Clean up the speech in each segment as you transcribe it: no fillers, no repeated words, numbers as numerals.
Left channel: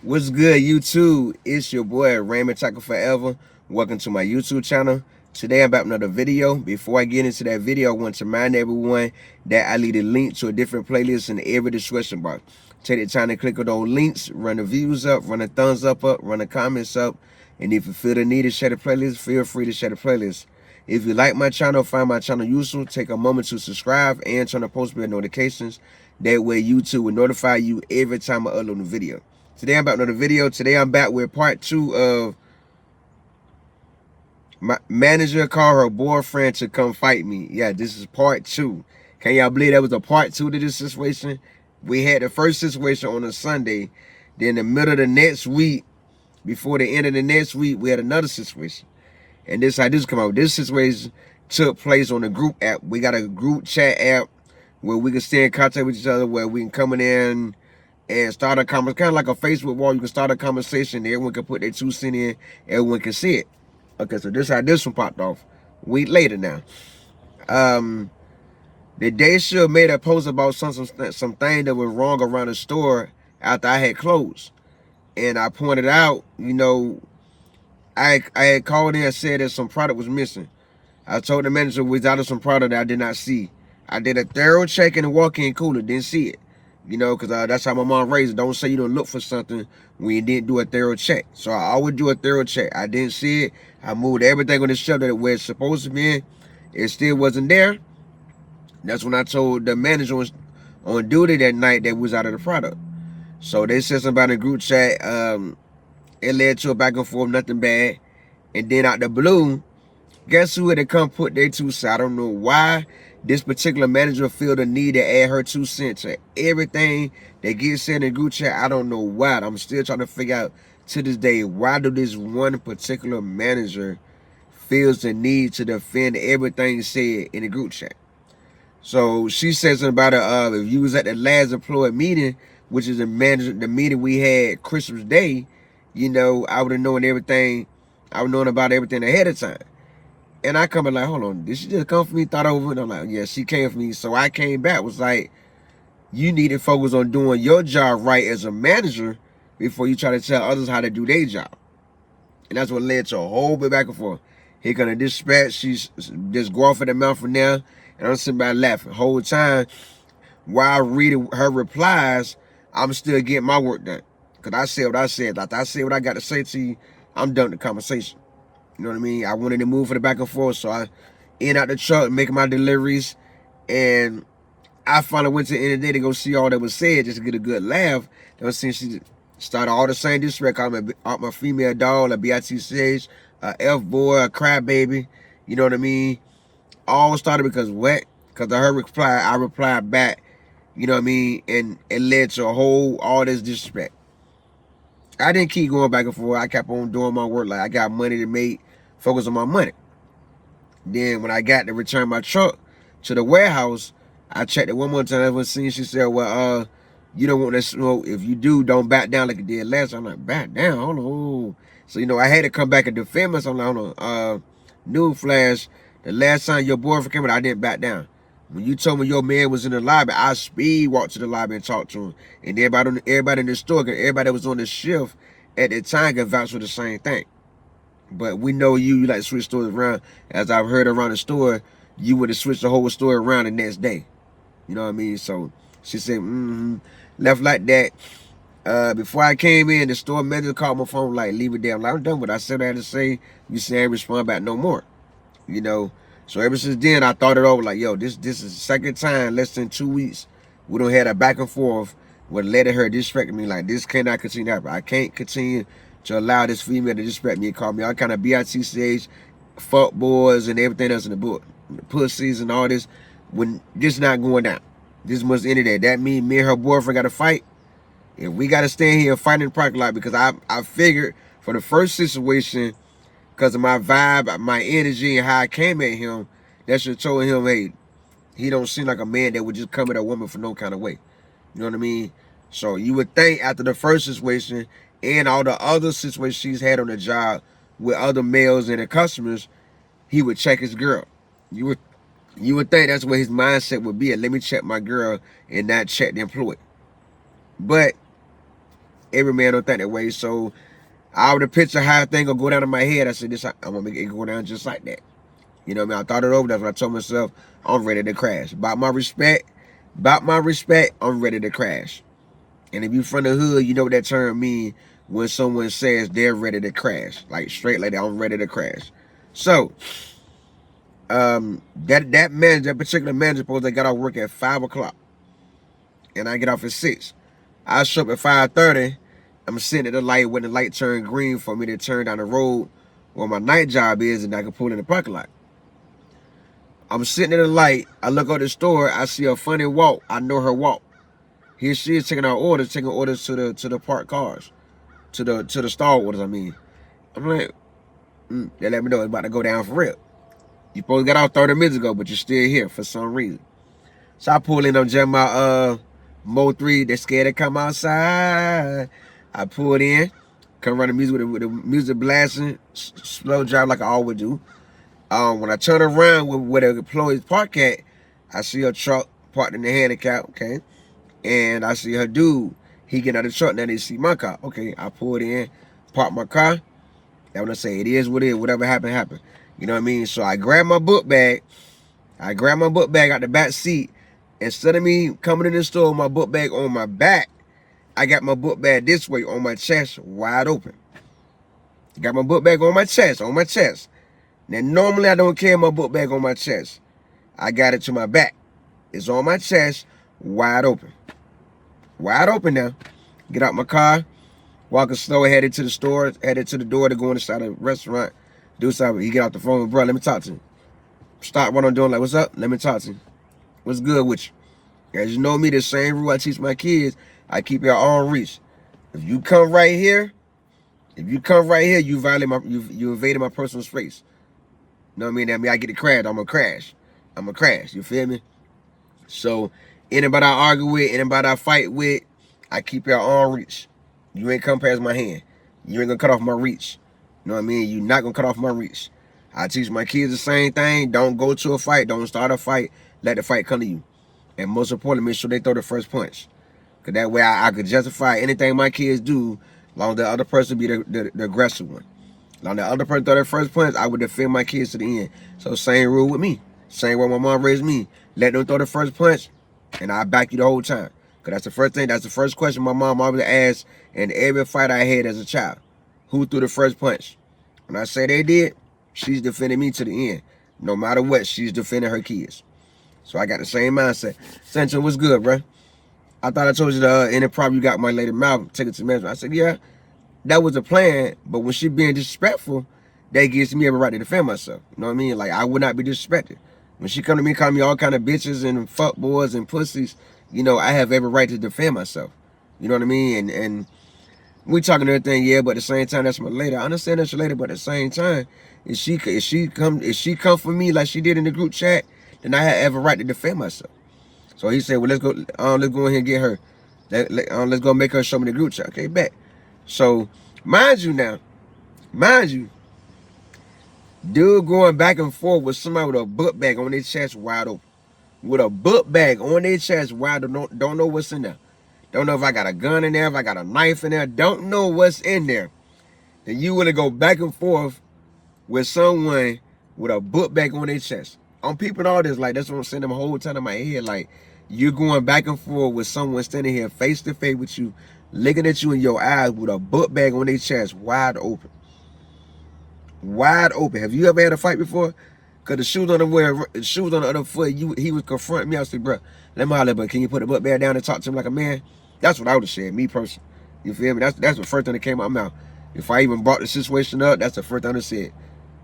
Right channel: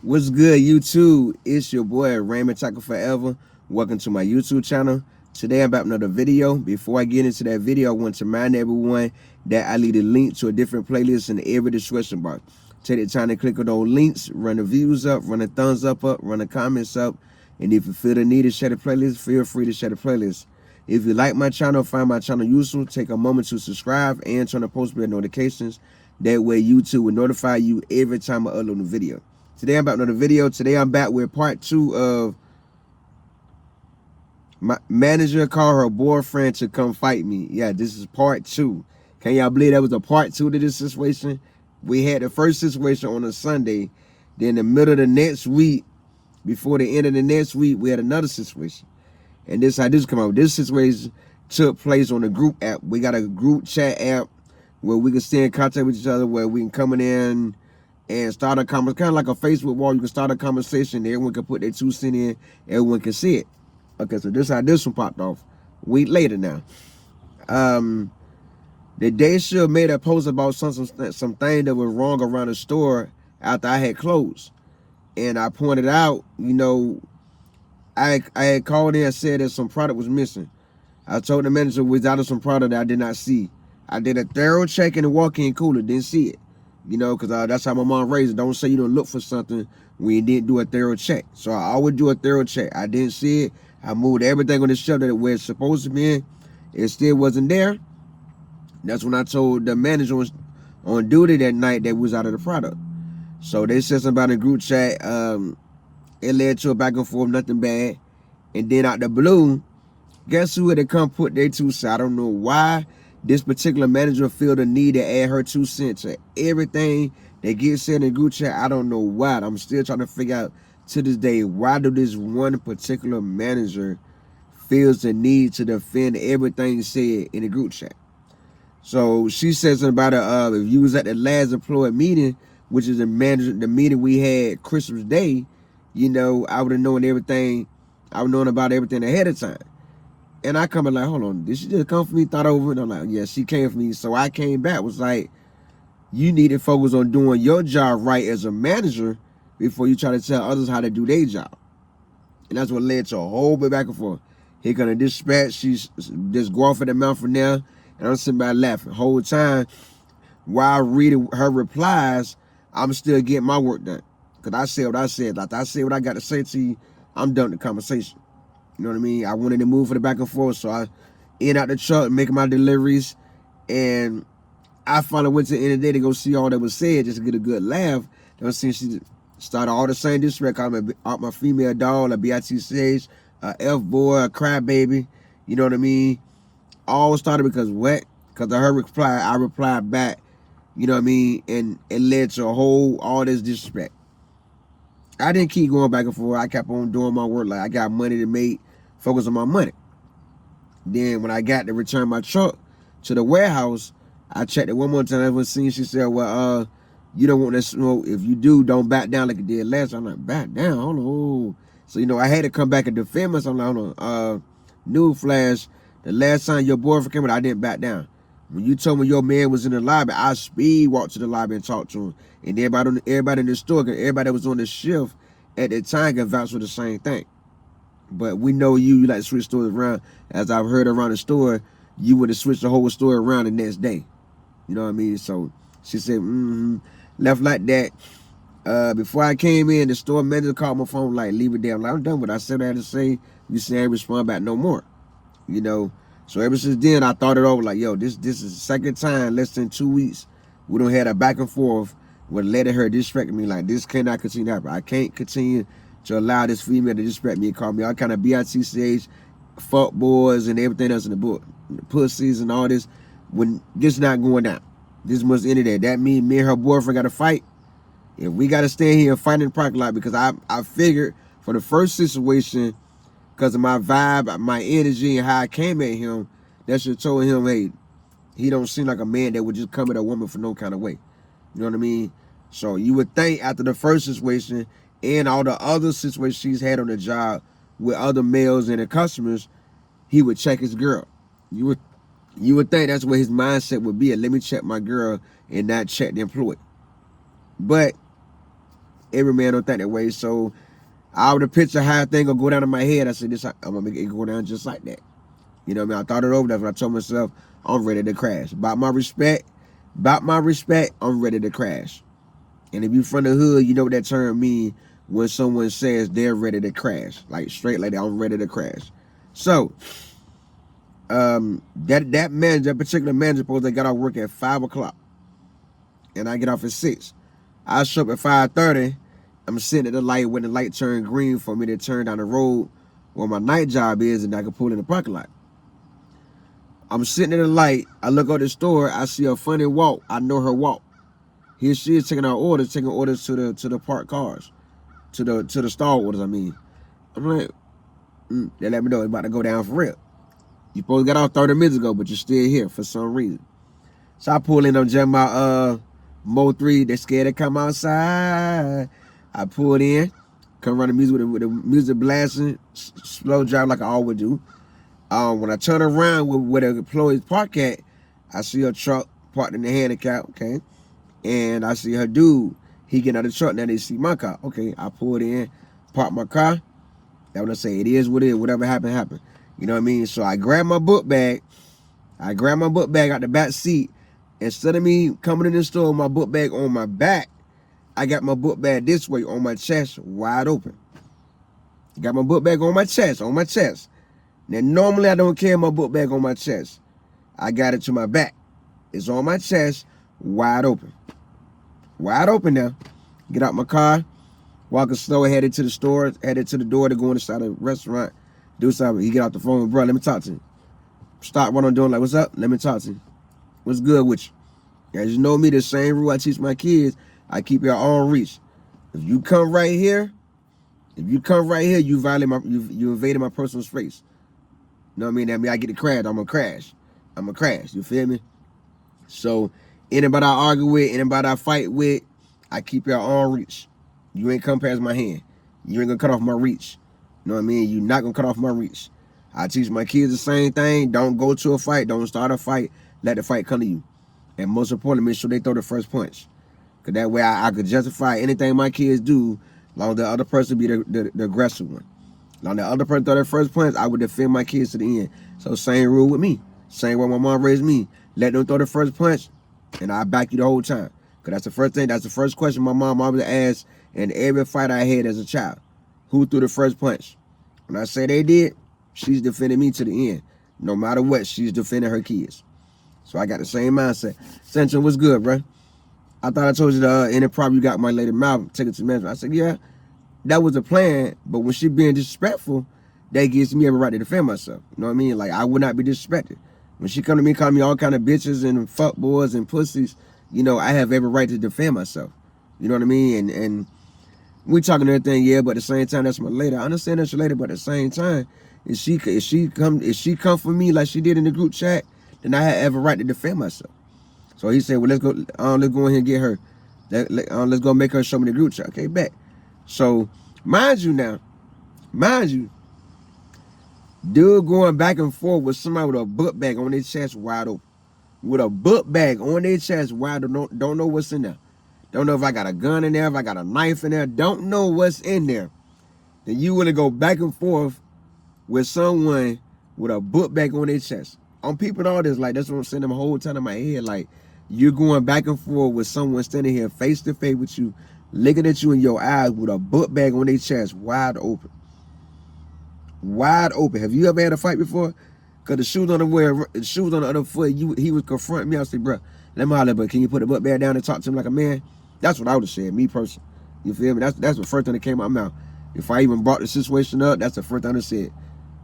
What's good, YouTube? It's your boy Raymondtacular Forever. Welcome to my YouTube channel. Today I'm back with another video. Before I get into that video, I want to remind everyone that I leave a link to a different playlist in every description box. Take the time to click on those links, run the views up, run the thumbs up, run the comments up, and if you feel the need to share the playlist, feel free to share the playlist. If you like my channel, find my channel useful, take a moment to subscribe and turn on post bell notifications. That way YouTube will notify you every time I upload a video. Today I'm back with another video. Today I'm back with part 2 of my manager called her boyfriend to come fight me. Yeah, this is part 2. Can y'all believe that was a part 2 to this situation? We had the first situation on a Sunday. Then in the middle of the next week, before the end of the next week, we had another situation. And this how this come out. This situation took place on a group app. We got a group chat app where we can stay in contact with each other, where we can come in and start a conversation, kind of like a Facebook wall. You can start a conversation. Everyone can put their 2 cents in. Everyone can see it. Okay, so this how this one popped off. A week later now. The day she made a post about something that was wrong around the store after I had closed. And I pointed out, I had called in and said that some product was missing. I told the manager we was out of some product that I did not see. I did a thorough check in the walk-in cooler, didn't see it. Because that's how my mom raised it. Don't say you don't look for something when you didn't do a thorough check. So I always do a thorough check. I didn't see it. I moved everything on the shelf that where it's supposed to be. It still wasn't there. That's when I told the manager was on duty that night that was out of the product. So they said something about in the group chat. It led to a back and forth, nothing bad. And then out the blue, guess who had to come put their 2 cents? I don't know why this particular manager feel the need to add her 2 cents to everything that gets said in the group chat. I don't know why. I'm still trying to figure out to this day, why do this one particular manager feels the need to defend everything said in the group chat? So she said something about if you was at the last employee meeting, which is the meeting we had Christmas Day, I would have known everything. I would have known about everything ahead of time. And I come in like, hold on, did she just come for me? Thought over it. I'm like, yeah, she came for me. So I came back, was like, you need to focus on doing your job right as a manager before you try to tell others how to do their job. And that's what led to a whole bit back and forth. Here gonna dispatch, she's just go off at the mouth from now. And I'm sitting back laughing. The whole time, while reading her replies, I'm still getting my work done. Because I said what I said. Like I said what I got to say to you, I'm done with the conversation. You know what I mean? I wanted to move for the back and forth, so I in out the truck, making my deliveries, and I finally went to the end of the day to go see all that was said, just to get a good laugh. Then since she started all the same disrespect, out my female doll, a BITCH, a F-boy, a crybaby, you know what I mean? All started because what? Because of her reply, I replied back, you know what I mean? And it led to all this disrespect. I didn't keep going back and forth. I kept on doing my work. Like I got money to make, focus on my money. Then when I got to return my truck to the warehouse, I checked it one more time. I was seeing, she said, well, you don't want to smoke. If you do, don't back down like you did last time. I'm like, back down? Hold on. So, I had to come back and defend myself. I'm like, hold on. Newsflash, the last time your boyfriend came in, I didn't back down. When you told me your man was in the lobby, I speed walked to the lobby and talked to him. And everybody in the store, everybody that was on the shift at the time can vouch for the same thing. But we know you like to switch stores around. As I've heard around the store, you would have switched the whole store around the next day. You know what I mean? So she said, left like that. Before I came in, the store manager called my phone, like, leave it there. I'm like, I'm done with it. I said what I had to say. You say I ain't respond back no more. So ever since then, I thought it over, like, yo, this is the second time, less than 2 weeks, we done had a back and forth with letting her disrespect me. Like, this cannot continue to happen. I can't continue to allow this female to disrespect me and call me all kind of BITCH, fuck boys and everything else in the book, pussies and all this, when this not going down. This must end of that. That means me and her boyfriend got to fight. If we got to stand here and fight in the parking lot, because I figured for the first situation, because of my vibe, my energy, and how I came at him, that should have told him, hey, he don't seem like a man that would just come at a woman for no kind of way. You know what I mean? So you would think after the first situation and all the other situations she's had on the job with other males and the customers, he would check his girl. You would think that's what his mindset would be. Let me check my girl and not check the employee. But Every man don't think that way. So I would have pictured how thing gonna go down in my head. I said, I'm gonna make it go down just like that. You know what I mean? I thought it over. That's what I told myself. I'm ready to crash. About my respect, I'm ready to crash. And if you from the hood, you know what that term mean when someone says they're ready to crash. Like straight like that, I'm ready to crash. So, that manager, that particular manager supposed to got off work at 5 o'clock. And I get off at 6. I show up at 5:30. I'm sitting at the light when the light turned green for me to turn down the road where my night job is and I can pull in the parking lot. I'm sitting at the light. I look out the store. I see a funny walk. I know her walk. Here she is taking orders to the parked cars, to the stall orders. I mean, I'm like, they let me know it's about to go down for real. You supposed to got off 30 minutes ago, but you're still here for some reason. So I pull in on jam my Mo 3. They're scared to come outside. I pulled in, come run the music with the music blasting, slow drive like I always do. When I turn around where the employees park at, I see a truck parked in the handicap, okay? And I see her dude. He get out of the truck, now they see my car. Okay, I pulled in, parked my car. And when I say it is what it is, whatever happened, happened. You know what I mean? So I grabbed my book bag. I grabbed my book bag out the back seat. Instead of me coming in the store with my book bag on my back, I got my book bag this way on my chest, wide open. Got my book bag on my chest, Now, normally I don't carry my book bag on my chest. I got it to my back. It's on my chest, wide open. Wide open now. Get out my car, walking slow, headed to the store, headed to the door to go inside the restaurant, do something. He get off the phone, bro, let me talk to him. Stop what I'm doing, like, what's up? Let me talk to you. What's good with you? As you know me, the same rule I teach my kids, I keep your arm reach. If you come right here, you violate you invaded my personal space. You know what I mean? That means I get to crash, I'm gonna crash. You feel me? So anybody I argue with, anybody I fight with, I keep your arm reach. You ain't come past my hand. You ain't gonna cut off my reach. You know what I mean? You're not gonna cut off my reach. I teach my kids the same thing. Don't go to a fight. Don't start a fight. Let the fight come to you. And most importantly, make sure they throw the first punch. Because that way I could justify anything my kids do, as long as the other person be the aggressive one. As long as the other person throw their first punch, I would defend my kids to the end. So same rule with me. Same way my mom raised me. Let them throw the first punch, and I back you the whole time. Because that's the first thing. That's the first question my mom always asked in every fight I had as a child. Who threw the first punch? When I say they did, she's defending me to the end. No matter what, she's defending her kids. So I got the same mindset. Central, what's good, bro? I thought I told you the any problem you got with my lady mouth, take it to management. I said, yeah, that was a plan, but when she being disrespectful, that gives me every right to defend myself. You know what I mean? Like, I would not be disrespected. When she come to me, call me all kind of bitches and fuck boys and pussies, you know, I have every right to defend myself. You know what I mean? And we talking everything, yeah, but at the same time, that's my lady. I understand that's your lady, but at the same time, if she come for me like she did in the group chat, then I have every right to defend myself. So he said, well, let's go in here and get her. Let's go make her show me the group chat. Okay, bet. So, mind you, dude going back and forth with somebody with a book bag on their chest wide open. With a book bag on their chest wide open, don't know what's in there. Don't know if I got a gun in there, if I got a knife in there. Don't know what's in there. Then you want to go back and forth with someone with a book bag on their chest. I'm peeping all this, like, that's what I'm saying the whole time in my head. Like, you're going back and forth with someone standing here face to face with you, looking at you in your eyes with a book bag on their chest, wide open. Wide open. Have you ever had a fight before? Because the shoes on the other foot, he was confronting me. I said, bro, let me holler, but can you put the book bag down and talk to him like a man? That's what I would have said, me personally. You feel me? That's the first thing that came out of my mouth. If I even brought the situation up, that's the first thing I said.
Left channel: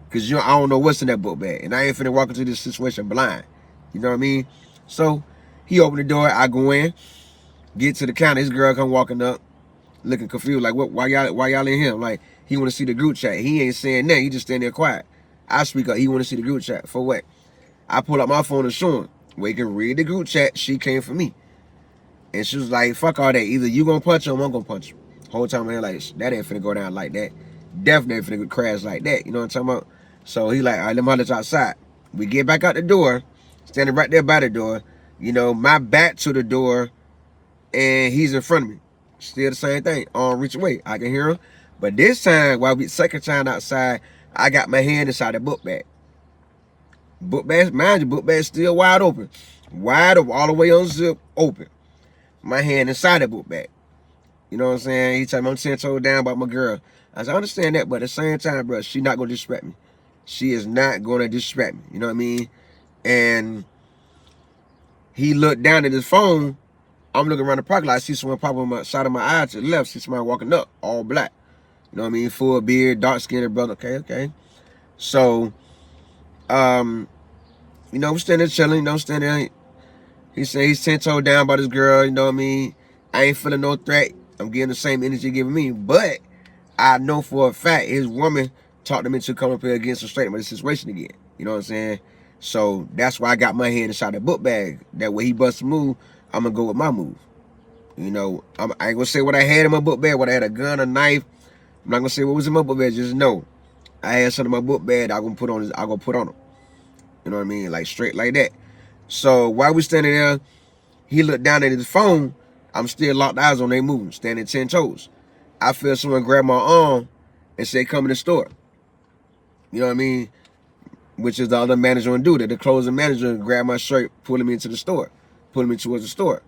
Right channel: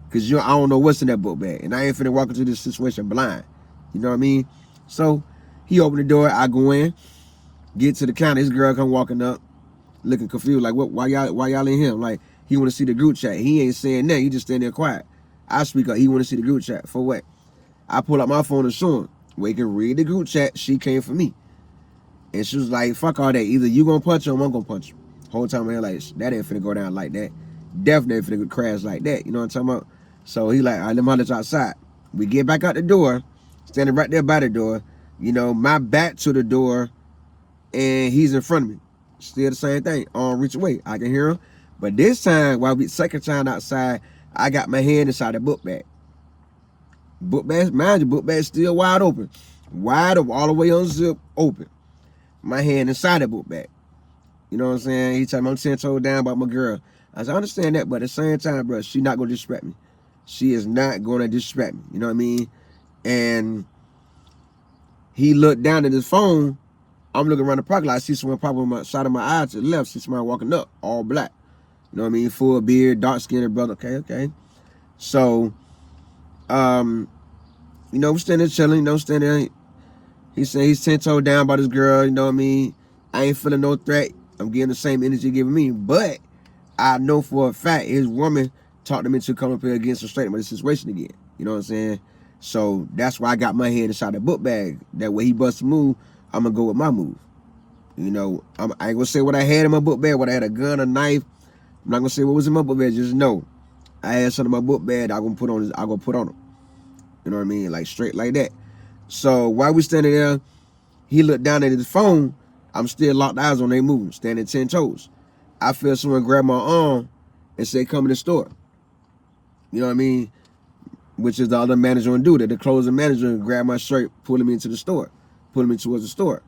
Because I don't know what's in that book bag. And I ain't finna walk into this situation blind. You know what I mean? So, he opened the door. I go in. Get to the counter. This girl come walking up. Looking confused. Like, what? Why y'all in here? Like, he want to see the group chat. He ain't saying that. He just standing there quiet. I speak up. He want to see the group chat. For what? I pull up my phone and show him. Where he can read the group chat. She came for me. And she was like, fuck all that. Either you gonna punch him or I'm gonna punch him. Whole time I'm like, that ain't finna go down like that. Definitely ain't finna crash like that. You know what I'm talking about? So he like, all right, let me holler outside. We get back out the door, standing right there by the door, you know, my back to the door, and he's in front of me. Still the same thing. Arm reach away. I can hear him. But this time, while we second time outside, I got my hand inside the book bag. Book bag, mind you, book bag still wide open. Wide open, all the way unzipped, open. My hand inside the book bag. You know what I'm saying? He told me I'm 10 toes down about my girl. I said, I understand that, but at the same time, bro, she not going to disrespect me. She is not going to disrespect me. You know what I mean? And he looked down at his phone. I'm looking around the parking lot. I see someone popping on my side of my eye to the left. See somebody walking up, all black. You know what I mean? Full beard, dark-skinned brother. Okay. So, you know, we're standing there chilling. You know, standing there. He said he's 10 toes down about his girl. You know what I mean? I ain't feeling no threat. I'm getting the same energy giving me. But I know for a fact his woman talked him into coming up here against the straight with the situation again. You know what I'm saying? So that's why I got my hand inside the book bag. That way he busts a move, I'm going to go with my move. You know, I ain't going to say what I had in my book bag, whether I had a gun, a knife. I'm not going to say what was in my book bag. Just know I had something in my book bag I'm going to put on. I'm going to put on him. You know what I mean? Like straight like that. So while we standing there, he looked down at his phone. I'm still locked eyes on they moving, standing 10 toes. I feel someone grab my arm and say, come in the store. You know what I mean? Which is the other manager and do that. The closing manager grabbed my shirt, pulling me into the store, pulling me towards the store.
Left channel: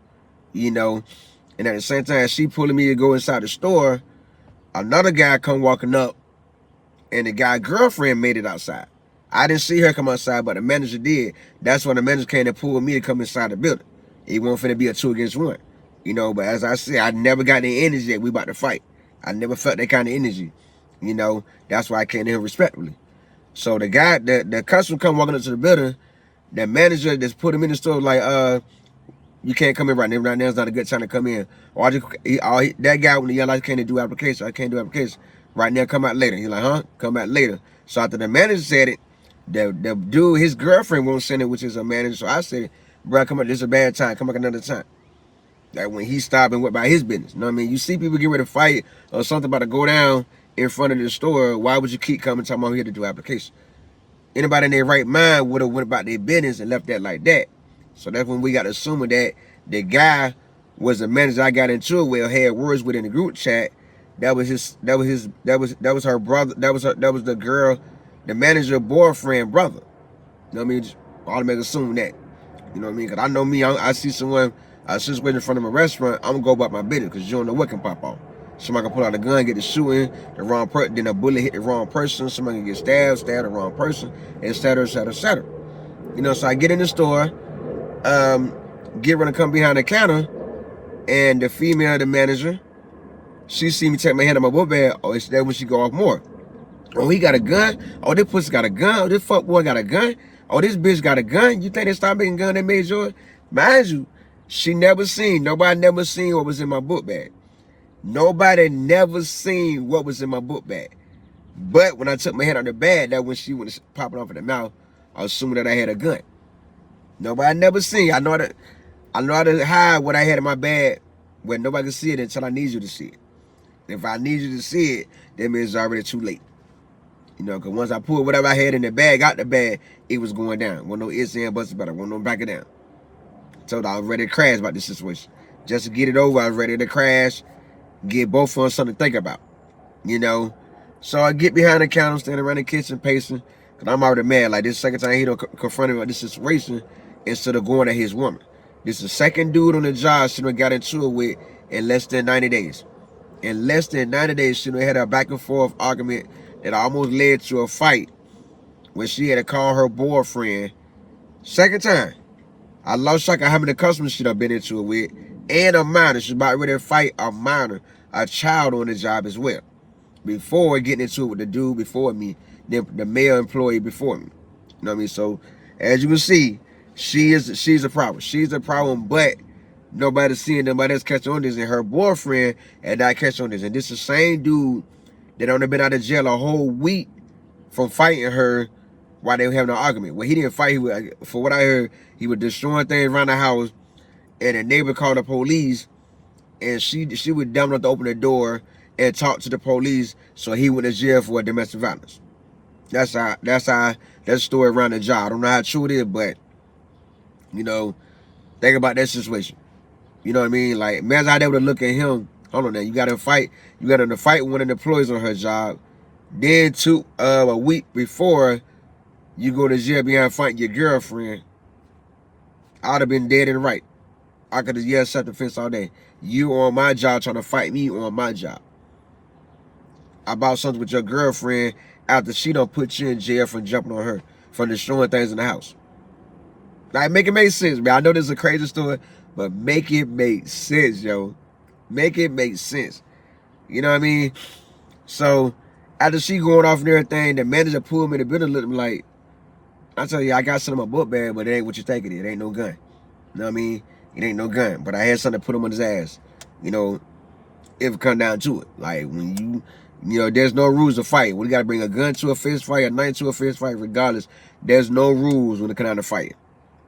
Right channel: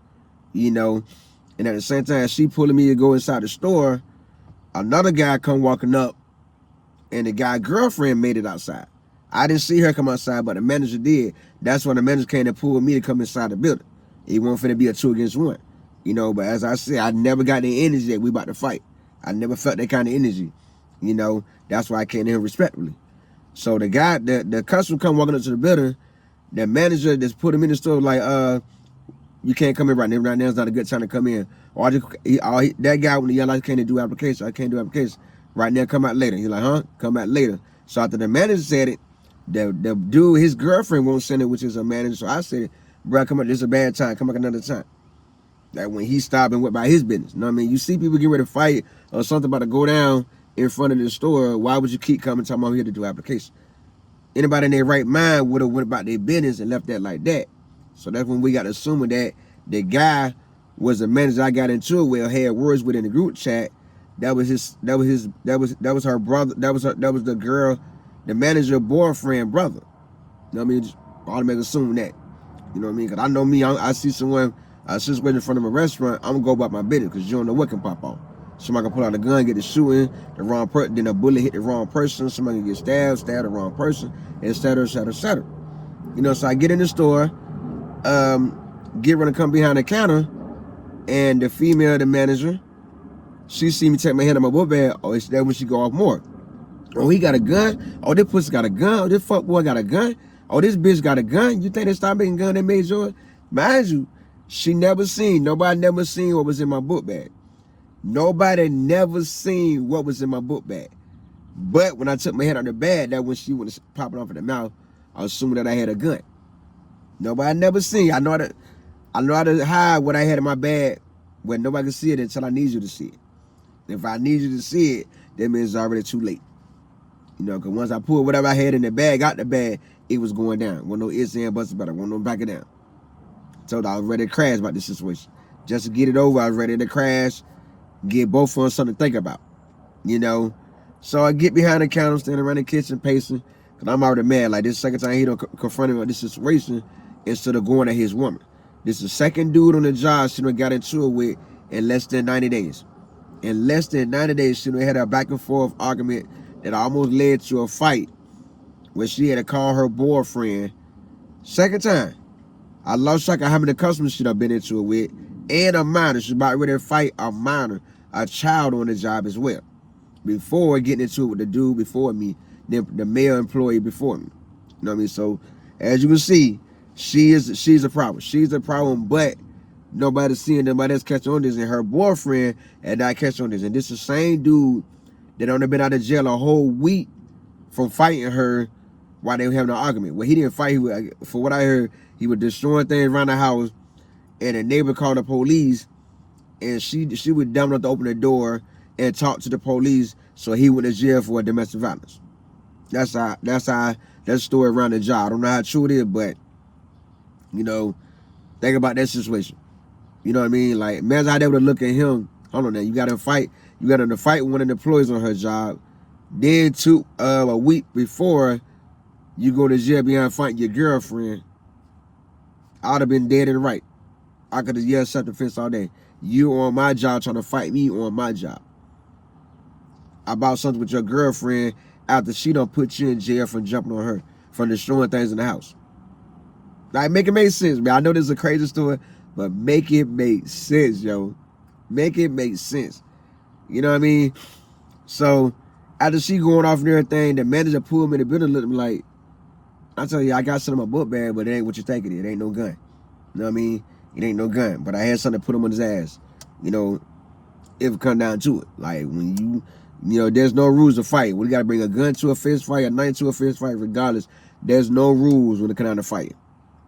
You know, and at the same time, she pulling me to go inside the store, another guy come walking up, and the guy's girlfriend made it outside. I didn't see her come outside, but the manager did. That's when the manager came and pulled me to come inside the building. It wasn't finna be a 2 against 1. You know, but as I said, I never got the energy that we about to fight. I never felt that kind of energy. You know, that's why I came in respectfully. So the guy, the customer come walking into the building, the manager that's put him in the store like, you can't come in right now. Right now is not a good time to come in. That guy with the yellow light can't do application. I can't do application. Right now, come out later. He's like, huh? Come out later. So after the manager said it, the dude, his girlfriend won't send it, which is a manager. So I said, bro, come on, this is a bad time. Come back another time. Like when he stopped and went by his business. You know what I mean? You see people get ready to fight or something about to go down in front of the store. Why would you keep coming talking about here to do application? Anybody in their right mind would have went about their business and left that like that. So that's when we got assuming that the guy was the manager I got into it with, had words with in the group chat. That was her brother. That was the girl, the manager boyfriend brother. You know what I mean? Just automatically assume that. You know what I mean? Because I know me, I see someone, since we're in front of a restaurant, I'm going to go about my business because you don't know what can pop off. Somebody can pull out a gun, get to shooting, the wrong person, then a bullet hit the wrong person, somebody can get stabbed the wrong person, etc., etc., etc. You know, so I get in the store, get ready to come behind the counter, and the female, the manager, she see me take my hand on my book bag. Oh, it's that when she go off more. Oh, he got a gun. Oh, this pussy got a gun. Oh, this fuck boy got a gun. Oh, this bitch got a gun. You think they stopped making gun, they made yours? Mind you, nobody never seen what was in my book bag. Nobody never seen what was in my book bag. But when I took my hand out of the bag, that when she was popping off in the mouth, I was assuming that I had a gun. Nobody never seen. I know how to hide what I had in my bag where nobody can see it until I need you to see it. If I need you to see it, that means it's already too late. You know, because once I pulled whatever I had in the bag out the bag, it was going down. Wasn't no ifs and buts about it. Wasn't no back it down. So I was ready to crash about this situation. Just to get it over, I was ready to crash, get both of us something to think about. You know? So I get behind the counter, standing around the kitchen, pacing, because I'm already mad. Like, this second time he done confronted me with this situation instead of going at his woman. This is the second dude on the job she done got into it with in less than 90 days. In less than 90 days, she done had a back and forth argument that almost led to a fight where she had to call her boyfriend. Second time. I lost track of how many customers she done been into it with, and a minor. She's about ready to fight a minor, a child on the job as well. Before getting into it with the dude before me, the male employee before me. You know what I mean? So, as you can see, she's a problem. She's a problem, but nobody's seeing nobody else catch on this, and her boyfriend had not catch on this. And this is the same dude that only been out of jail a whole week from fighting her while they were having an argument. Well, he didn't fight. For what I heard, he was destroying things around the house, and a neighbor called the police, and she was dumb enough to open the door and talk to the police, so he went to jail for domestic violence. That's the story around the job. I don't know how true it is, but you know, think about that situation. You know what I mean? Like, imagine how they would look at him, hold on now, you got to fight with one of the employees on her job. Then a week before you go to jail behind fighting your girlfriend, I'd have been dead and right. I could have yelled self-defense all day. You on my job trying to fight me on my job about something with your girlfriend after she don't put you in jail for jumping on her, for destroying things in the house. Like, make it make sense, man. I know this is a crazy story, but make it make sense, yo. Make it make sense. You know what I mean? So, after she going off and everything, the manager pulled me to the building and looked at me like, I tell you, I got something in my book bag, but it ain't what you think it is. It ain't no gun. You know what I mean? It ain't no gun. But I had something to put him on his ass. You know, if it come down to it. Like, when you know, there's no rules to fight. We got to bring a gun to a fist fight, a knife to a fist fight, regardless. There's no rules when it comes down to fighting.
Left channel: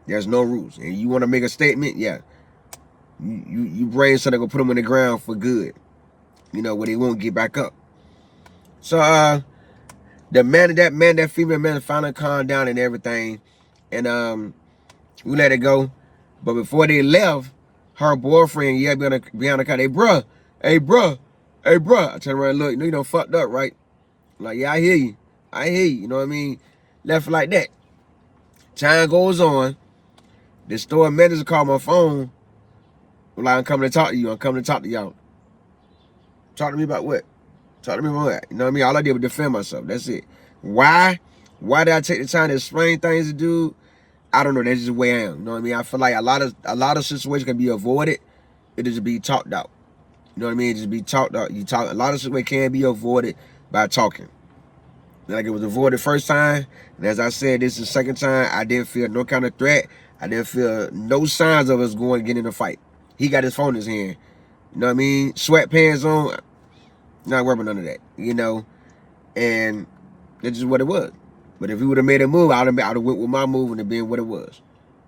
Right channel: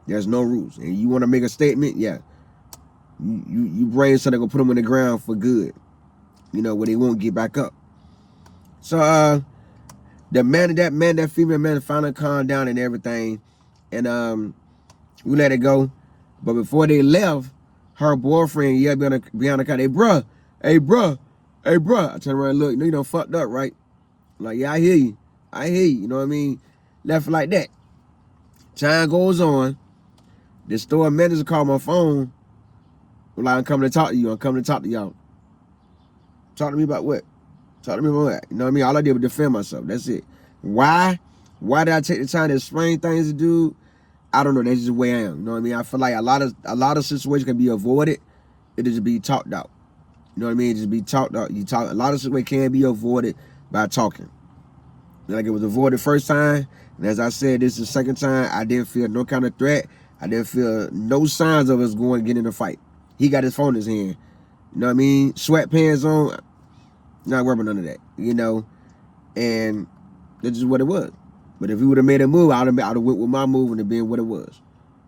There's no rules. And you want to make a statement, yeah. You bring something gonna put them on the ground for good. You know, where they won't get back up. So that female man finally calmed down and everything. And we let it go. But before they left, her boyfriend yelled behind the car, hey bruh. I turned around and look, you know you done fucked up, right? I'm like, yeah, I hear you. You know what I mean? Left like that. Time goes on. The store manager called my phone. Like, I'm coming to talk to you. I'm coming to talk to y'all. Talk to me about what? Talk to me about what? You know what I mean? All I did was defend myself. That's it. Why? Why did I take the time to explain things to dude? I don't know. That's just the way I am. You know what I mean? I feel like a lot of situations can be avoided. It just be talked out. You know what I mean? It just be talked out. A lot of situations can be avoided by talking. Like, it was avoided the first time. And as I said, this is the second time. I didn't feel no kind of threat. I didn't feel no signs of us going to get in a fight. He got his phone in his hand. You know what I mean? Sweatpants on. Not worried about none of that. You know? And that's just what it was. But if he would have made a move, I would have went with my move and it been what it was.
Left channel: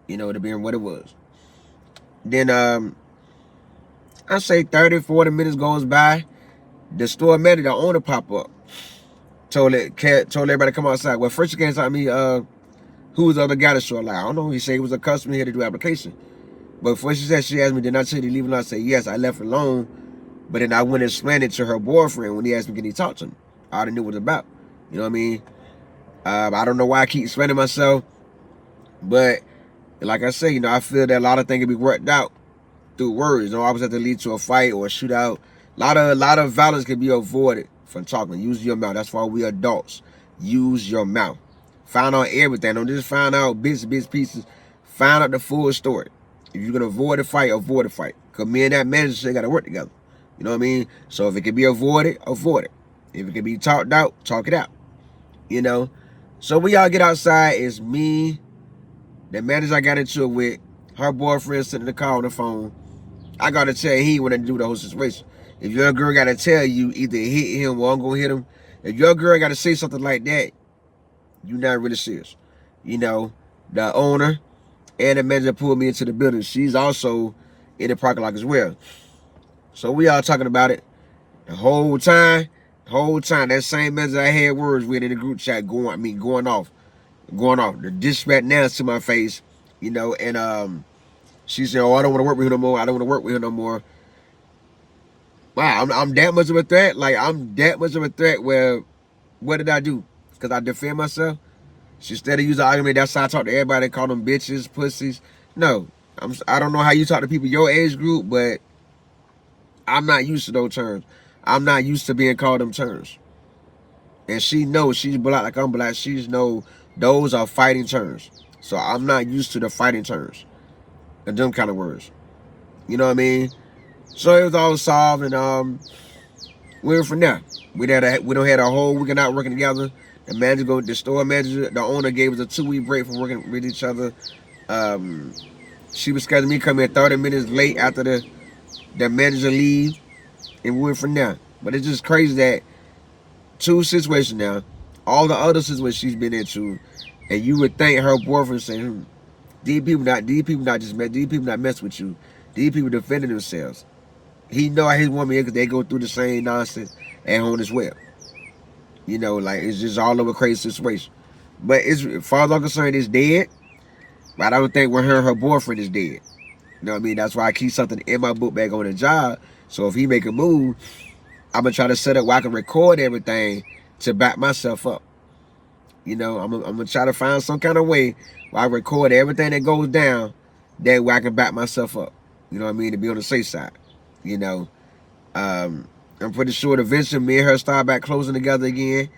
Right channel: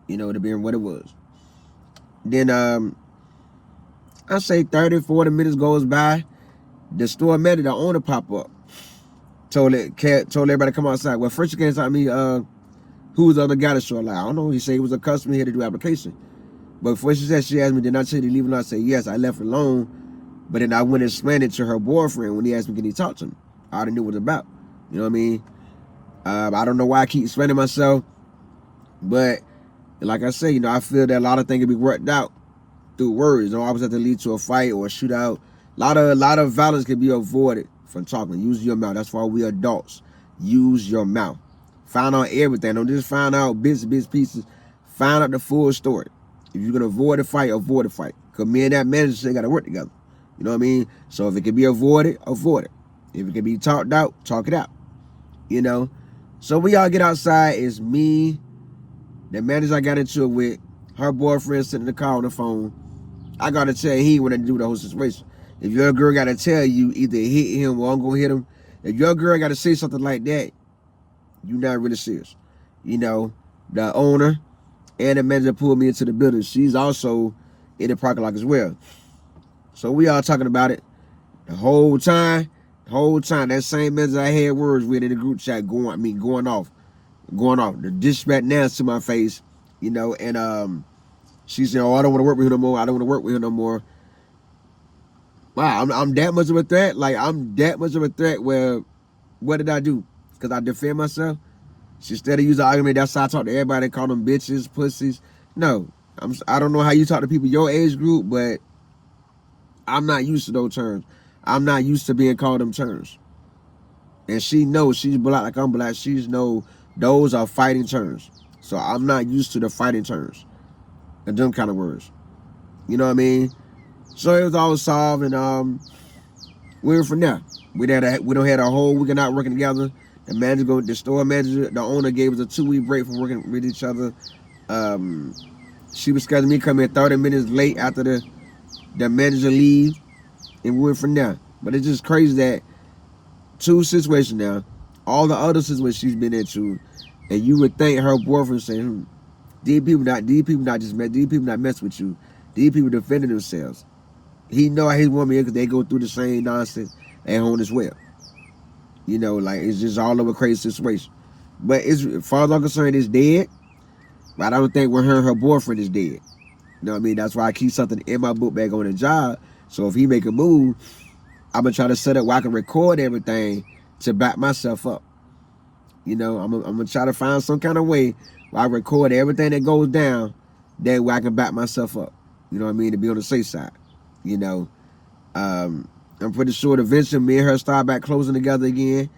You know, it would have been what it was. Then, I say 30, 40 minutes goes by. The store manager, the owner, pop up. Told everybody to come outside. Well, first he came to me, who was the other guy that showed? Like, I don't know. He said he was a customer here to do application. But before she asked me, did I tell you to leave it alone? I said, yes, I left it alone. But then I went and explained it to her boyfriend when he asked me, can he talk to him? I already knew what it was about. You know what I mean? I don't know why I keep explaining myself. But like I say, you know, I feel that a lot of things can be worked out through words. You know, always have to lead to a fight or a shootout. A lot of violence can be avoided from talking. Use your mouth. That's why we adults. Use your mouth. Find out everything. Don't just find out bits pieces. Find out the full story. If you're going to avoid a fight, avoid a fight. Because me and that manager still got to work together. You know what I mean? So if it can be avoided, avoid it. If it can be talked out, talk it out. You know? So we all get outside. It's me, the manager I got into it with, her boyfriend sitting in the car on the phone. I got to tell you, he ain't want to do the whole situation. If your girl got to tell you, either hit him or I'm going to hit him. If your girl got to say something like that, you're not really serious. You know, the owner and the manager pulled me into the building. She's also in the parking lot as well. So we all talking about it the whole time. That same manager I had words with in the group chat going off. The disrespect now to my face, you know. And she said, "Oh, I don't want to work with her no more. Wow, I'm that much of a threat. Like, I'm that much of a threat. Where, what did I do? Because I defend myself. She instead of using the argument, that's how I talk to everybody. Call them bitches, pussies. No, I don't know how you talk to people your age group, but I'm not used to those terms. I'm not used to being called them terms. And she knows she's black like I'm black. She knows those are fighting terms. So I'm not used to the fighting terms and them kind of words. You know what I mean? So it was all solved, and we were from there. We done had a whole week of not working together. The store manager, the owner gave us a 2-week break from working with each other. She was scheduling me to come in 30 minutes late after the manager leave, and we went from there. But it's just crazy that two situations now, all the other situations she's been into, and you would think her boyfriend saying, these people not mess with you. These people defending themselves. He know his woman because they go through the same nonsense at home as well. You know, like, it's just all over crazy situation. But as far as I'm concerned, it's dead. But I don't think her boyfriend is dead. You know what I mean? That's why I keep something in my book bag on the job, So if he make a move, I'm gonna try to set up where I can record everything to back myself up. You know, I'm gonna try to find some kind of way where I record everything that goes down, that way I can back myself up. You know what I mean? To be on the safe side. You know, I'm pretty sure eventually me and her start back closing together again,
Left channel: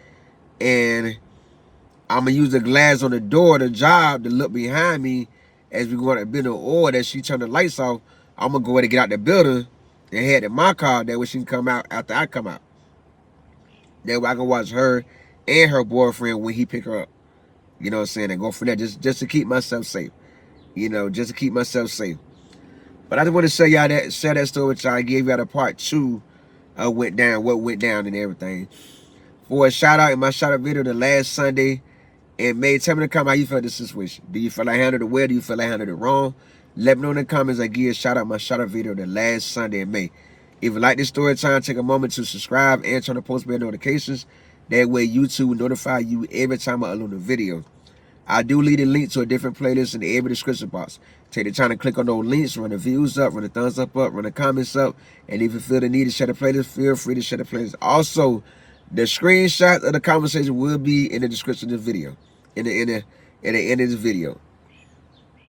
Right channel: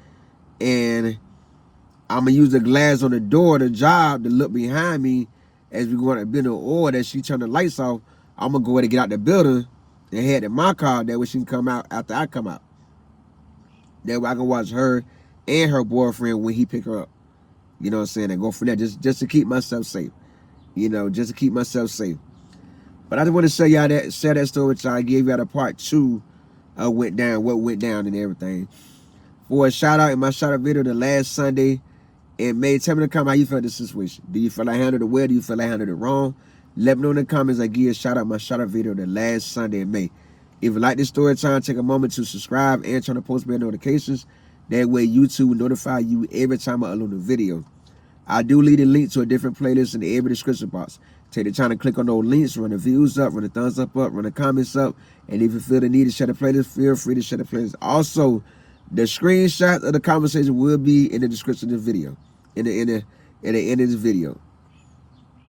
and I'm gonna use the glass on the door of the job to look behind me as we go to build, or that she turn the lights off. I'm gonna go ahead and get out the building and head to my car. That way she can come out after I come out. That way I can watch her and her boyfriend when he pick her up. You know what I'm saying? And go from there, just to keep myself safe. You know, just to keep myself safe. But I just want to share that story with y'all. I gave y'all the part 2 of what went down and everything. For a shout out in my shout out video the last Sunday in May, tell me in the comment how you felt this situation. Do you feel I handled it well? Do you feel I handled it wrong? Let me know in the comments. I give a shout out my shout out video the last Sunday in May. If you like this story time, take a moment to subscribe and turn on post bell notifications. That way YouTube will notify you every time I upload a video. I do leave a link to a different playlist in the every description box. Take the time to click on those links, run the views up, run the thumbs up, run the comments up, and if you feel the need to share the playlist, feel free to share the playlist. Also, the screenshot of the conversation will be in the description of the video, in the end of this video.